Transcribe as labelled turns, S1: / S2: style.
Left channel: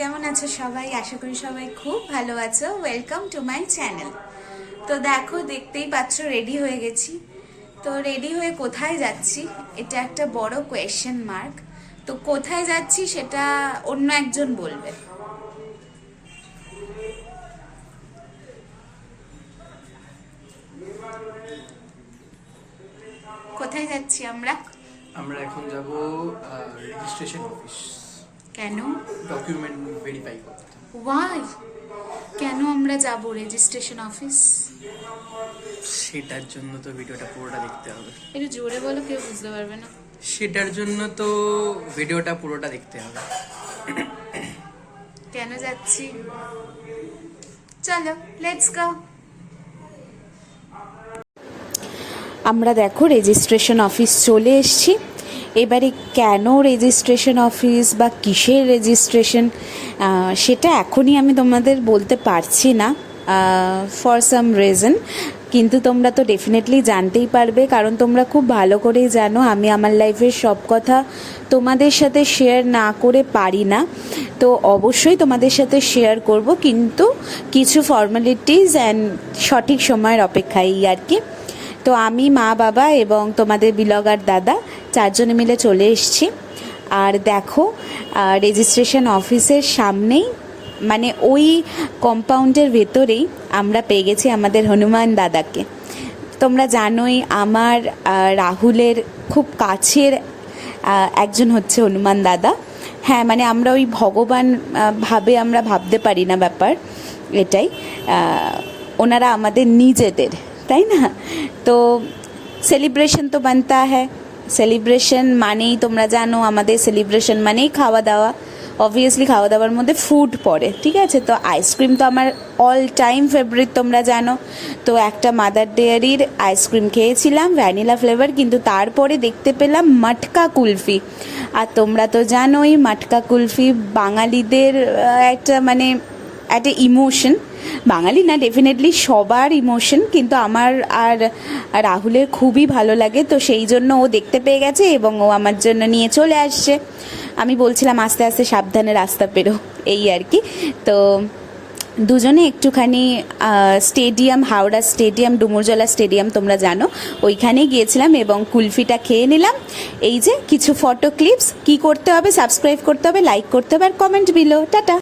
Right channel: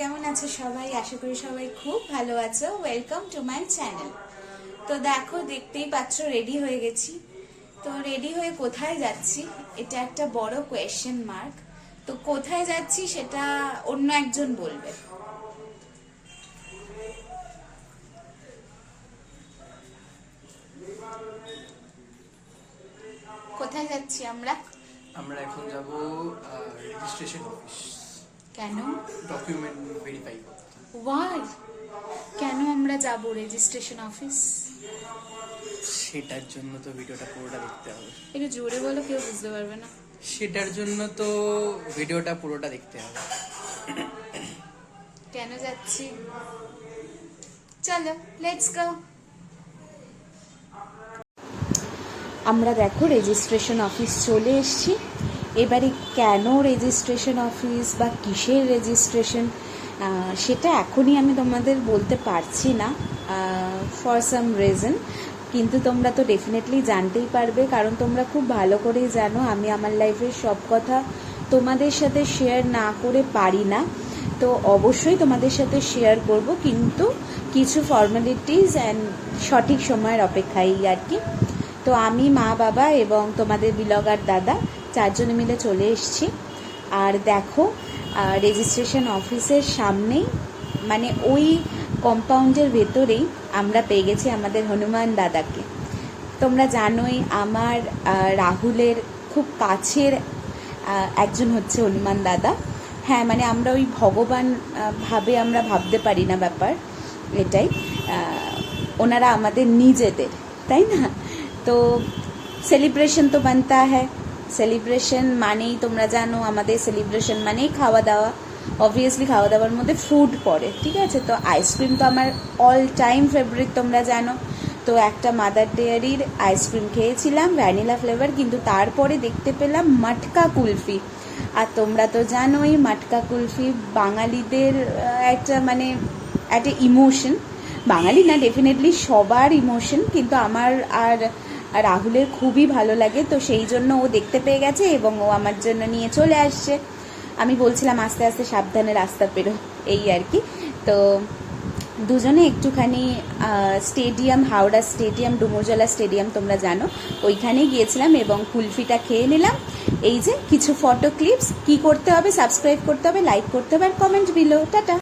S1: কেমন আছো সবাই? আশা করি সবাই খুব ভালো আছো। ওয়েলকাম টু মাই চ্যানেল তো দেখো, দেখতেই পাচ্ছ রেডি হয়ে গেছি। তো রেডি হয়ে কোথায় যাচ্ছি? এটা একটা বড় কোয়েশ্চেন মার্ক তো কোথায় যাচ্ছি সেটা অন্য একজন বলবে। কোথায় যাচ্ছি আমরা?
S2: আমরা এখন যাব রেজিস্ট্রেশন অফিস
S1: কেন?
S2: ডকুমেন্ট ভেরিফাই করতে
S1: ওয়াই কেন আমরা যাব রেজিস্ট্রেশন অফিস
S2: সেটার জন্য তো ভিডিওটা পুরোটা দেখতে হবে।
S1: একটু জোরে বলো কেউ বুঝতে পারবে না।
S2: সেটার জন্য তো ভিডিওটা পুরোটা দেখতে হবে।
S1: কেন যাচ্ছি? চলো লেটস গো আমরা দেখো রেজিস্ট্রেশন অফিস চলে এসেছি। এবারে কেন রেজিস্ট্রেশন অফিস বা কিসের রেজিস্ট্রেশন সেটা এখনই আমি তোমাদের বলতে পারছি না ফর সাম রিজন কিন্তু তোমরা তো ডেফিনেটলি জানতেই পারবে, কারণ তোমরা খুব ভালো করেই জানো, আমি আমার লাইফের সব কথা তোমাদের সাথে শেয়ার না করে পারি না। তো অবশ্যই তোমাদের সাথে শেয়ার করব, কিন্তু কিছু ফর্মালিটিস অ্যান্ড সঠিক সময়ের অপেক্ষায় আর কি। তো আমি, মা, বাবা এবং তোমাদের বিলগার দাদা চারজনে মিলে চলে এসেছি। আর দেখো রেজিস্ট্রেশন অফিসের সামনেই মানে ওই কম্পাউন্ডের ভেতরেই আমরা পেয়ে গেছি আমাদের হনুমান দাদাকে। তোমরা জানোই, আমার রাহুলের খুব কাছের একজন হচ্ছে হনুমান দাদা। হ্যাঁ মানে আমরা ওই ভগবান ভাবে আমরা ভাবতে পারি না ব্যাপার, এটাই। ওনারা আমাদের নিজেদের, তাই না? তো সেলিব্রেশন তো বানতা হ্যাঁ সেলিব্রেশন মানেই তোমরা জানো আমাদের সেলিব্রেশন মানেই খাওয়া দাওয়া অবভিয়াসলি খাওয়া দাওয়ার মধ্যে ফুড পড়ে ঠিক আছে তো আইসক্রিম তো আমার অল টাইম ফেভারিট তোমরা জানো তো একটা মাদার ডেয়ারির আইসক্রিম খেয়েছিলাম ভ্যানিলা ফ্লেভার কিন্তু তারপরে দেখতে পেলাম মটকা কুলফি আর তোমরা তো জানোই মটকা কুলফি বাঙালিদের একটা মানে একটা ইমোশন বাঙালি না ডেফিনেটলি সবার ইমোশন কিন্তু আমার আর রাহুলের খুবই ভালো লাগে, তো সেই জন্য ও দেখতে পেয়ে গেছে এবং ও আমার জন্য নিয়ে চলে আসছে। আমি বলছিলাম, আস্তে আস্তে সাবধানে রাস্তা পেরো, এই আর কি। তো দুজনে একটুখানি stadium Howrah stadium Dumurjala stadium তোমরা জানো, ওইখানে গিয়েছিলাম এবং কুলফিটা খেয়ে নিলাম। এই যে কিছু ফটো ক্লিপস কি করতে হবে সাবস্ক্রাইব করতে হবে লাইক করতে হবে, আর কমেন্ট বিলো টাটা!